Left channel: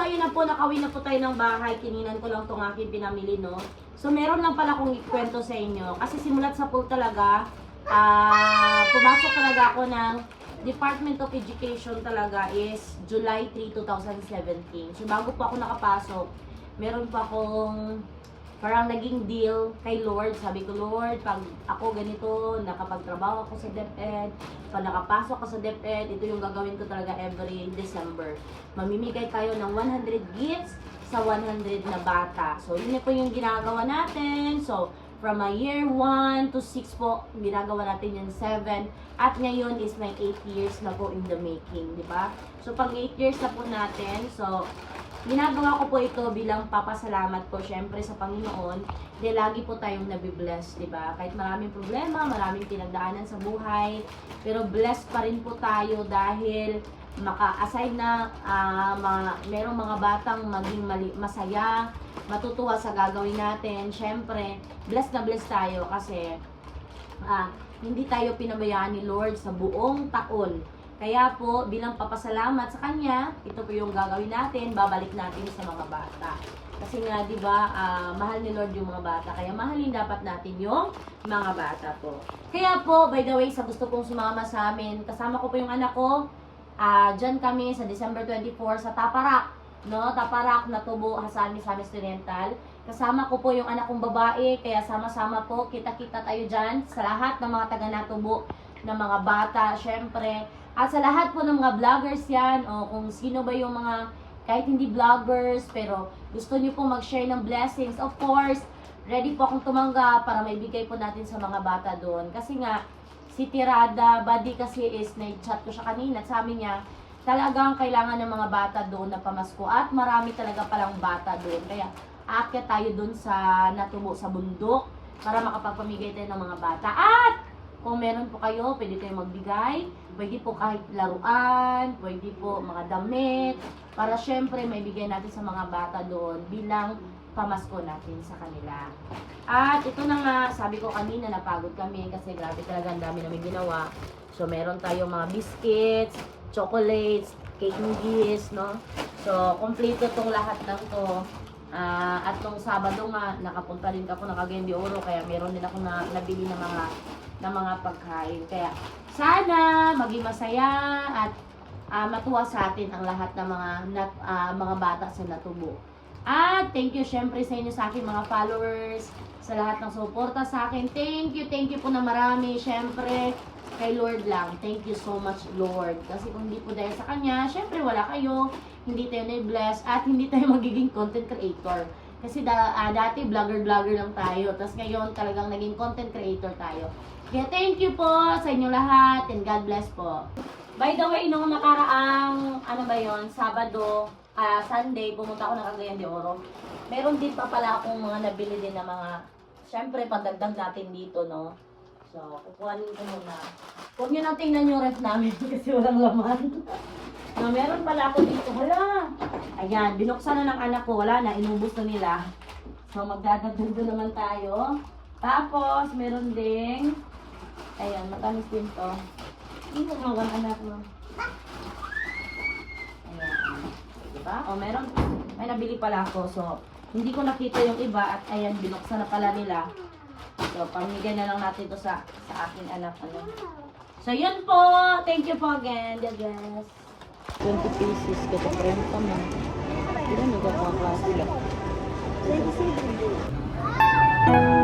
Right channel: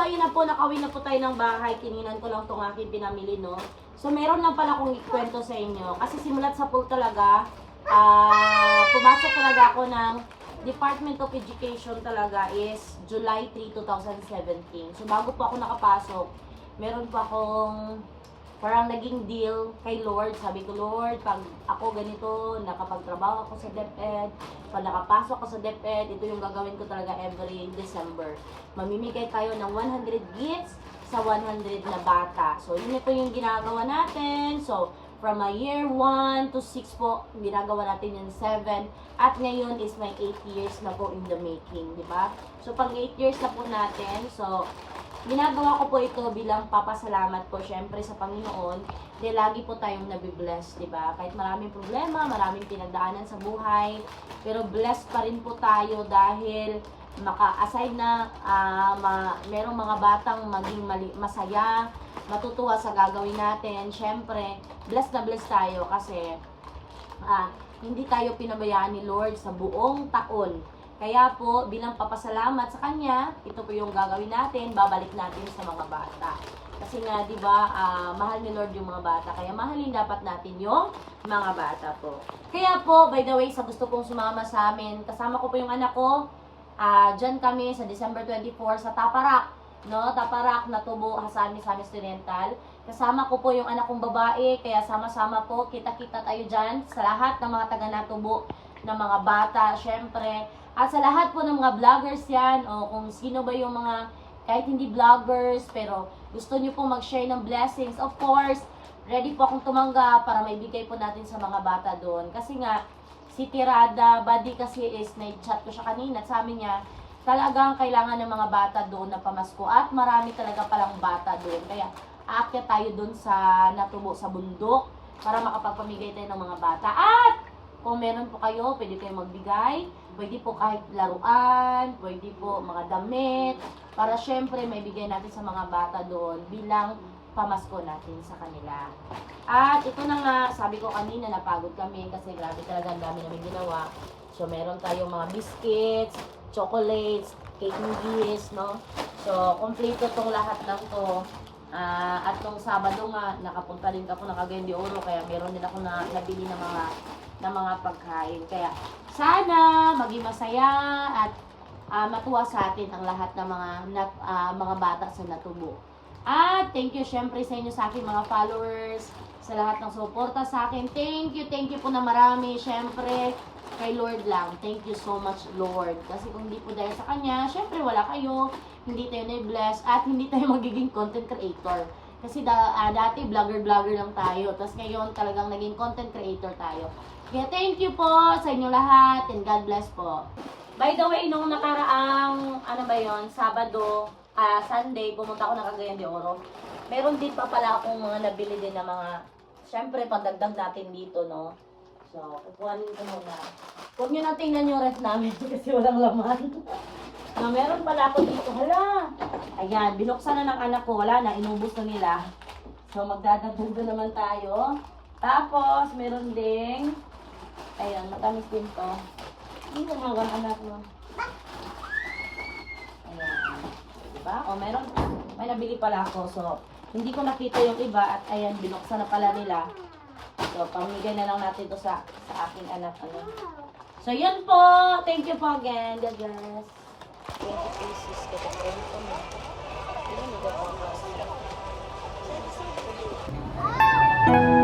ayun na po, nakawin na po tayo ng bahay. Kininan ko lang itong aking pinamili, no? So, meron lang pala akong ikwento sa inyo. Kasi simulat sa pool talaga, pumasok talaga ako ng Department of Education talaga is July 3, 2017. So, bago po ako nakapasok, meron pa akong parang naging deal kay Lord. Sabi ko, Lord, pag ako ganito, nakapagtrabaho ako sa DepEd, pag nakapasok ako sa DepEd, ito yung gagawin ko talaga every December. Mamimigay tayo ng 100 gifts sa 100 na bata. So, yun po yung ginagawa natin. So, from a year 1 to 6 po, ginagawa natin yung 7. At ngayon is may 8 years na po in the making, di ba? So, pag 8 years na po natin, so, ginagawa ko po ito bilang papasalamat po syempre sa Panginoon dahil lagi po tayong nabibless, di ba? Kahit maraming problema, maraming pinagdaanan sa buhay, pero blessed pa rin po tayo dahil aside na merong mga batang maging masaya, matutuwa sa gagawin natin. Syempre, blessed na blessed tayo kasi hindi tayo pinabayaan ni Lord sa buong taon. Kaya po, bilang papasalamat sa Kanya, ito po yung gagawin natin, babalik natin sa mga bata. Kasi nga, di ba, mahal ni Lord yung mga bata, kaya mahalin dapat natin yung mga bata po. Kaya po, by the way, sa gusto pong sumama sa amin, kasama ko po yung anak ko, dyan kami sa December 24 sa Taparak, no? Taparak na Tubo, Hasan Misamis Oriental. Kasama ko po yung anak kong babae, kaya sama-sama po, kita-kita tayo dyan sa lahat ng mga taga-Natubo, ng mga bata, syempre. At sa lahat po ng mga vloggers yan, o kung sino ba yung mga, kahit hindi vloggers, pero gusto nyo po mag-share ng blessings, of course, ready po akong tumanggap para maibigay po natin sa mga bata doon. Kasi nga, si Tirada, buddy kasi is, nag-chat ko siya kanina, at sabi niya, talagang kailangan ng mga bata doon na pamasko, at marami talaga palang bata doon. Kaya, aakyat tayo doon sa Natubo, sa bundok, para makapagpamigay tayo ng mga bata. At, kung meron po kayo, pwede kayo magbigay. Pwede po kahit laruan, pwede po mga damit. Para syempre, maibigay natin sa mga bata doon bilang pamasko natin sa kanila. At ito na nga, sabi ko kanina, napagod kami kasi grabe talaga ang dami namin ginawa. So, meron tayong mga biscuits, chocolates, cake nuggies, no? So, kompleto tong lahat ng to. At nung Sabado nga, nakapunta din ako, naka-Game de Oro, kaya meron din ako nabili ng mga pagkain. Kaya sana maging masaya at matuwa sa atin ang lahat ng mga bata sa Natubo. At thank you syempre sa inyo, sa aking mga followers, sa lahat ng suporta sa akin. Thank you po na marami. Syempre kay Lord lang. Thank you so much, Lord. Kasi kung hindi po dahil sa Kanya, syempre wala kayo, hindi tayo na-bless, at hindi tayo magiging content creator. Kasi dati vlogger lang tayo. Tapos ngayon talagang naging content creator tayo. Kaya thank you po sa inyo lahat and God bless po. By the way, nung nakaraang, Sabado, Sunday, pumunta ako ng Cagayan de Oro. Meron din pa pala akong mga nabili din na mga, syempre pandagdag natin dito, no? So, kukuhanin ko muna. Huwag nyo nang tingnan yung ref namin kasi walang laman. Meron pala ako dito. Hala! Ayan, binuksan na ng anak ko. Wala na, inubos na nila. So, magdadagdag na naman tayo. Tapos, meron ding, ayan, matamis din to. Hindi mo ang anak mo. Ayan. Diba? O, may nabili pala ako. So, hindi ko nakita yung iba at ayan, binuksan na pala nila. So, pamigay na lang natin ito sa aking anak. Ano. So, yun po. Thank you po again. God bless. 20 pieces. Ito pa rin naman. Hindi na nagkakaklase lang. 27.